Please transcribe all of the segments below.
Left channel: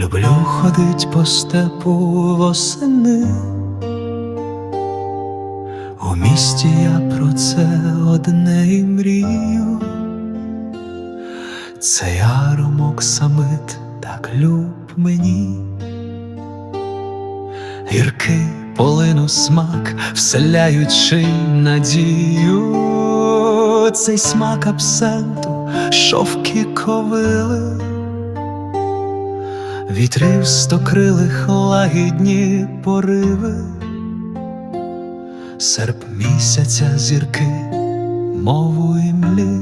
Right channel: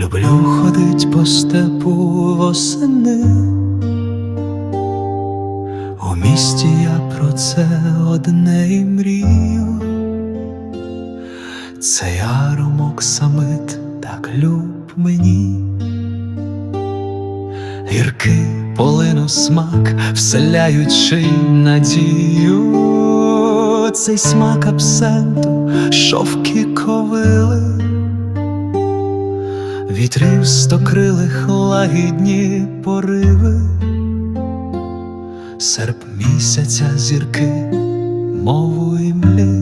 Люблю ходить по степу восени. У місті я про це одне і мрію. Цей аромок самит так люб мені. Гіркий полину смак, вселяючи надію. Цей смак абсенту, шовки ковили, вітрів стокрилих лагідні пориви, серп місяця зірки, мову і млі,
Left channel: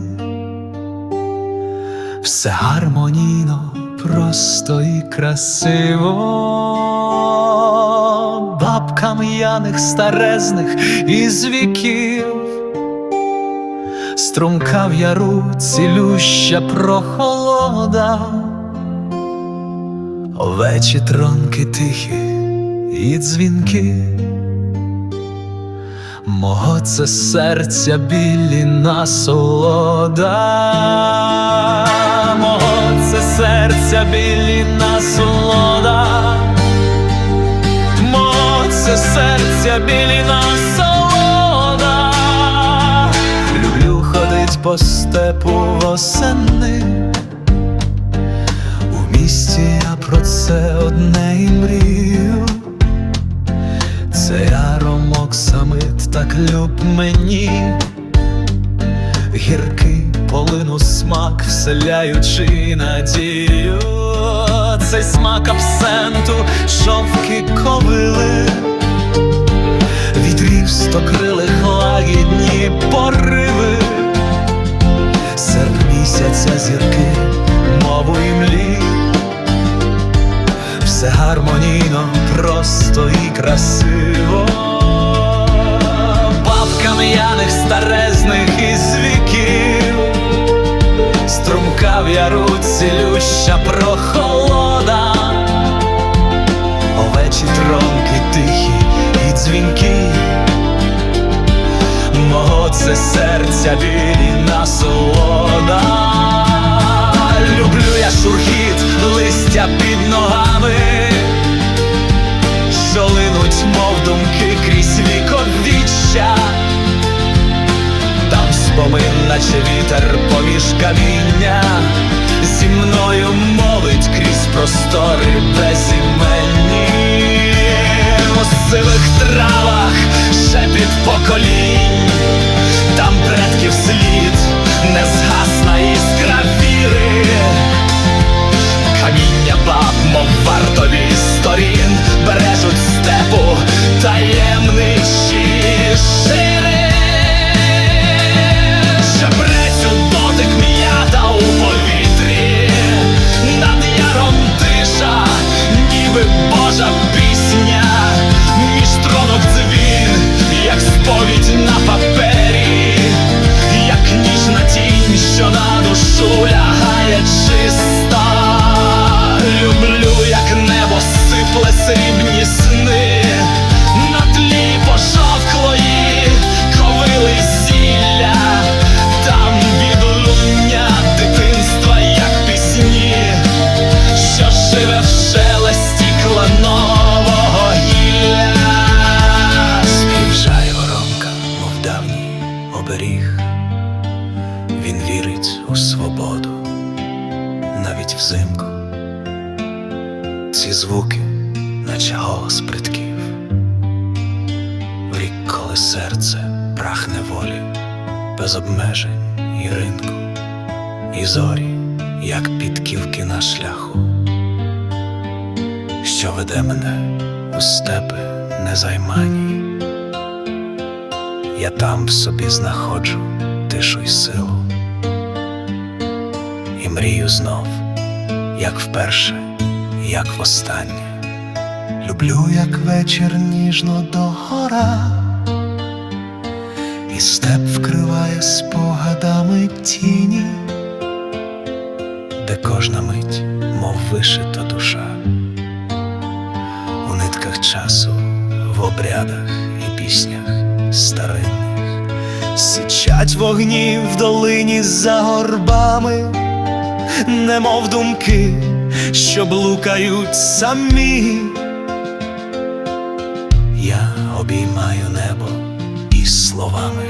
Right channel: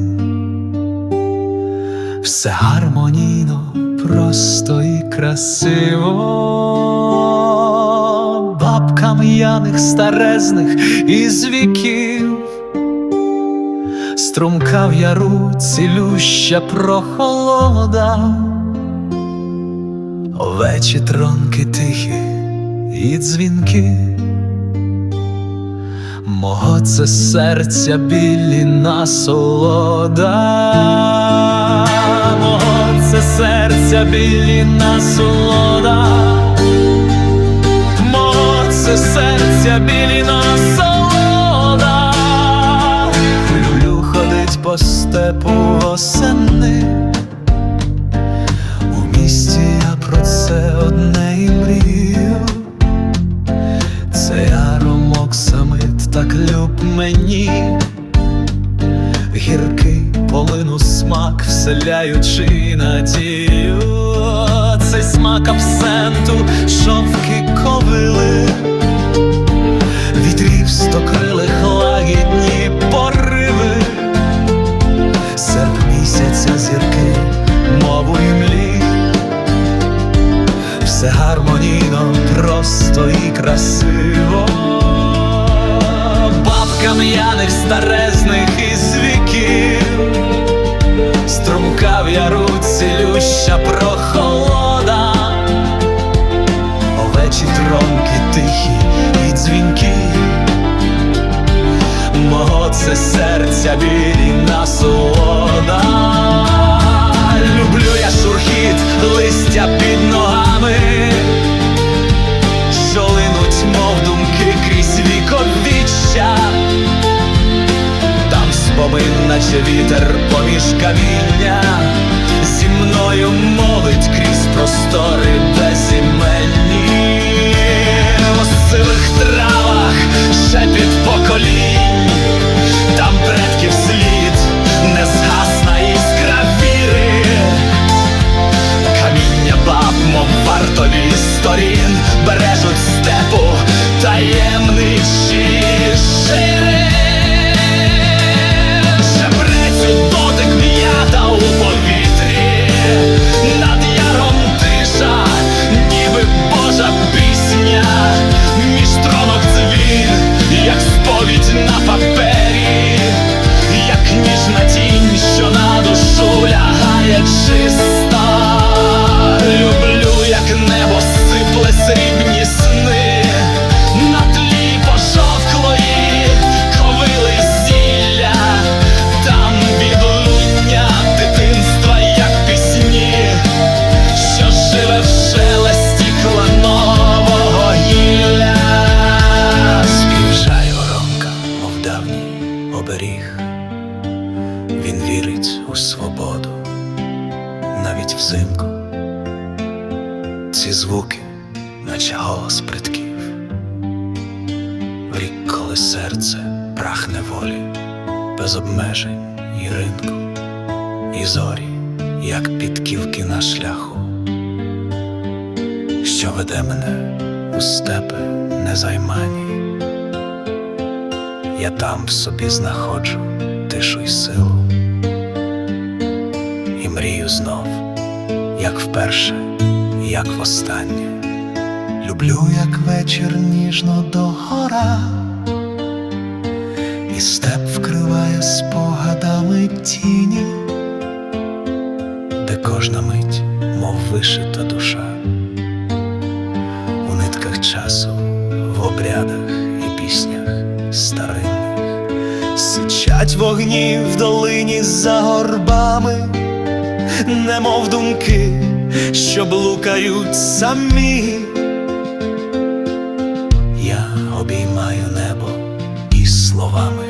все гармонійно, просто і красиво, бабкам яних старезних із віків. Струмка в яру цілюща прохолода, овечі тронки тихі і дзвінки, мого це серця білі насолода, мого це серця білі насолода, мого це серця білі насолода. Люблю ходить по степу восени. Місті я про це одне і мрію. Цей аромок самит так люб мені, гіркий полину смак, вселяючи надію. Цей смак абсенту, шовки ковили вітрів стокрилих лагідні пориви, серп місяця зірки, мову і млі, все гармонійно, просто і красиво, бабкам яних старезних із віків, струмка в яру цілюща прохолода. Овечі тронки тихі і дзвінки, мого це серця білі насолода. Люблю я шурхіт листя під ногами, що линуть, мов думки крізь віковіччя. Там спомин, наче вітер поміж каміння, зі мною мовить крізь простори безіменні, у сивих травах шепіт поколінь, там предків слід, незгасна іскра віри. Каміння баб, мов вартові сторін, бережуть степу таємничі шири. Шебрець дотик м'ята у повітрі, над яром тиша, ніби Божа пісня, між тронок дзвін, як сповідь на папері, ніжна тінь, що на душу лягає чиста. Люблю, як небо сипле срібні сни на тлі пожовклої ковили зілля, там відлуння дитинства, як пісні, що живе в шелесті кланового гілля. Співжає мов давній оберіг. Він вірить у свободу, навіть взимку. Ці звуки, наче голос предків. В рік, коли серце прагне волі, без обмежень і ринку, і зорі, як підківки на шляху, що веде мене у степи незаймані. Я там в собі знаходжу тишу й силу, і мрію знов, як вперше, як востаннє. Люблю, як вечір ніжно догора, і степ вкриває спогадами тіні, де кожна мить, мов вишита душа, у нитках часу, в обрядах і піснях старинних, сичать вогні в долині за горбами, немов думки що блукають самі. Я обіймаю небо із словами,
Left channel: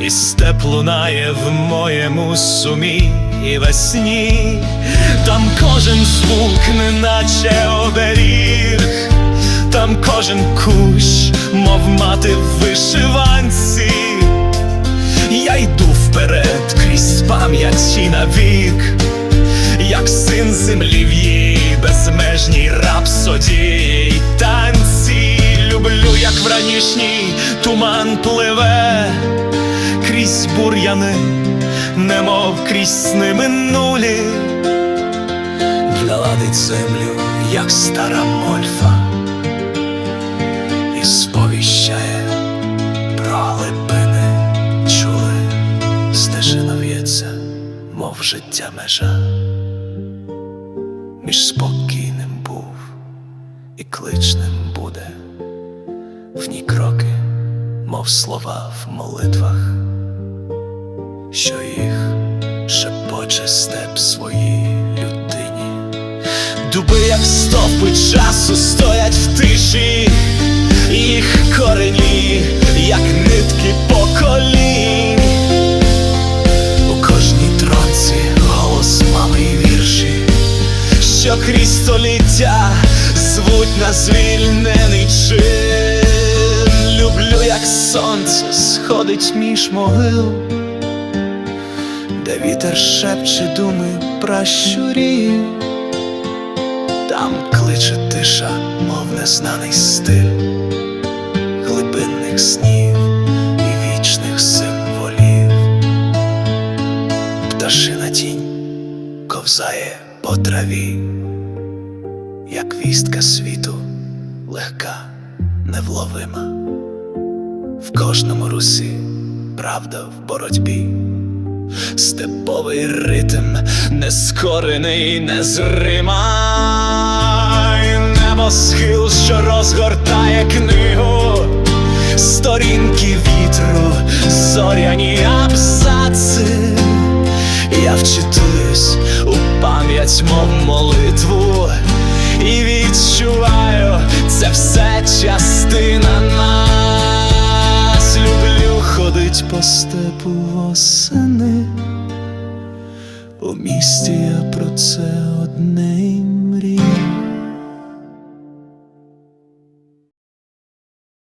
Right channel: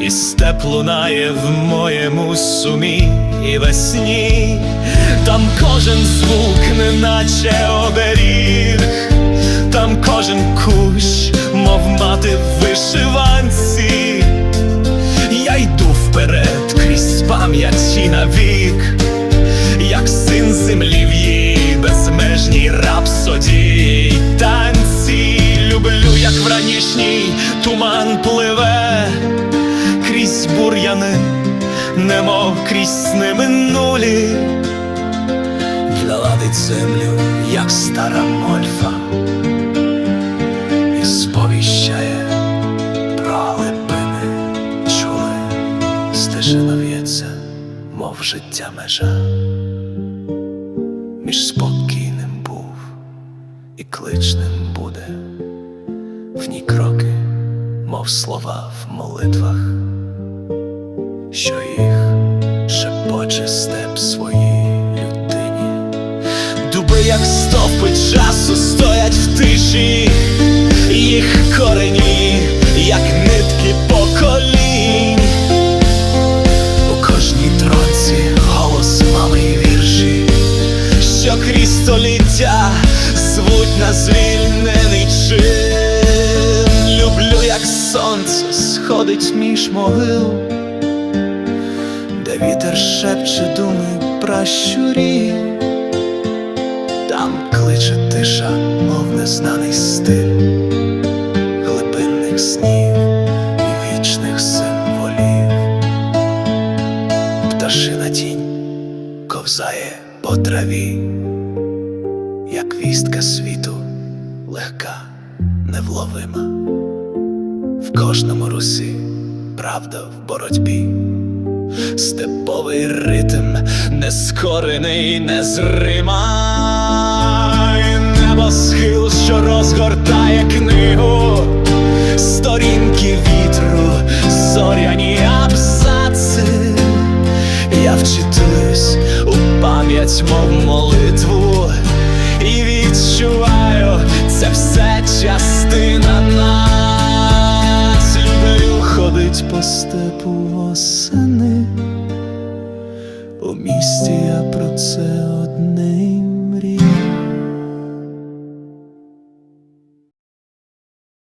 і степ лунає в моєму сумі і весні, там кожен звук, неначе оберіг, там кожен кущ, мов мати в вишиванці. Я йду вперед крізь пам'яті навік, як син землі в її безмежній рапсодії танці. Люблю, як в ранішній туман пливе крізь бур'яни, немов крізь сни минулі. Гладить землю, як стара мольфа, і сповіщає про глибини стежина в'ється, мов життя межа. Між спокійним був і кличним буде, в ній кроки, мов слова в молитвах, що їх шепоче степ своїй людині. Дуби, як стовпи часу, стоять в тиші, їх корені, як нитки поколінь. Кожній тронці голос мами й вірші, що крізь століття звуть на звільнений чин. Люблю, як сонце сходить між могил, де вітер шепче думи пращурі. Там кличе тиша, мов незнаний стиль глибинних снів і вічних символів. Пташина тінь ковзає по траві, як вістка світу, легка, невловима. В кожному русі правда в боротьбі. Степовий ритм, нескорений, незрима, І небосхил, що розгортає книгу, Я вчитуюсь у пам'ять, мов молитву, і відчуваю, це все частина нас. Люблю ходить по степу восени. У місті я про це одне й мрію.